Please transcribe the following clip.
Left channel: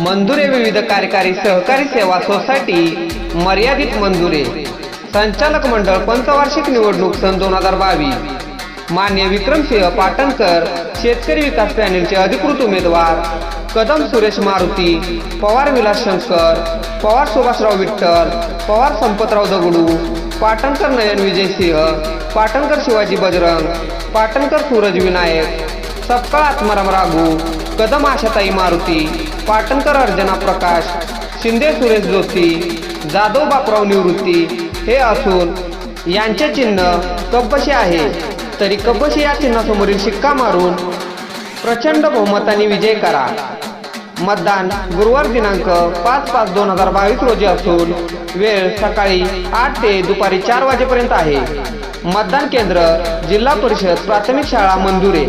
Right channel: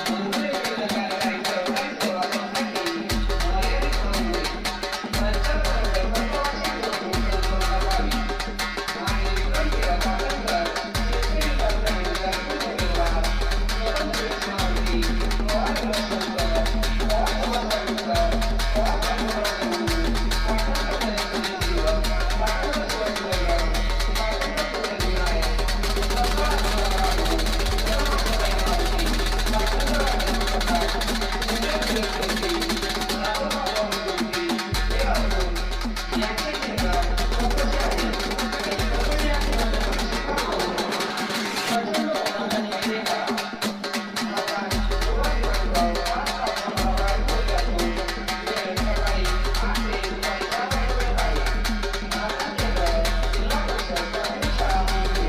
मंजुरे विविध कार्यकारी सहकारी सेवा सोसायटी मर्यादित मंजुरे संचालक मंडळ पंचवार्षिक निवडणूक सन 2022 मान्य विक्रमसिंह पाटणकर शेतकरी विकास पॅनेलचे अधिकृत उमेदवार कदम सुरेश मारुती पवार विलास शंकर पवार सुभाषराव विठ्ठल पवार संपतराव दगडू पाटणकर नयन विजयसिंह पाटणकर शिवाजी बजरंग पाटणकर सूरज विनायक सपकाळ आत्माराम राघू कदम आशाताई मारुती पाटणकर अर्जना प्रकाश शिंदे सुरेश जोशी जाधव बापराव निवृत्ती हे असून यांचे चिन्ह कपबशी आहे। तरी कपबशी या चिन्हासमोरील शिक्का मारून प्रचंड बहुमताने विजय करा। मतदान गुरुवार दिनांक 5/5/2022 रोजी असून वेळ सकाळी 8 ते दुपारी 4 वाजेपर्यंत आहे। मतदान केंद्र जिल्हा परिषद प्राथमिक शाळा मंजुरे।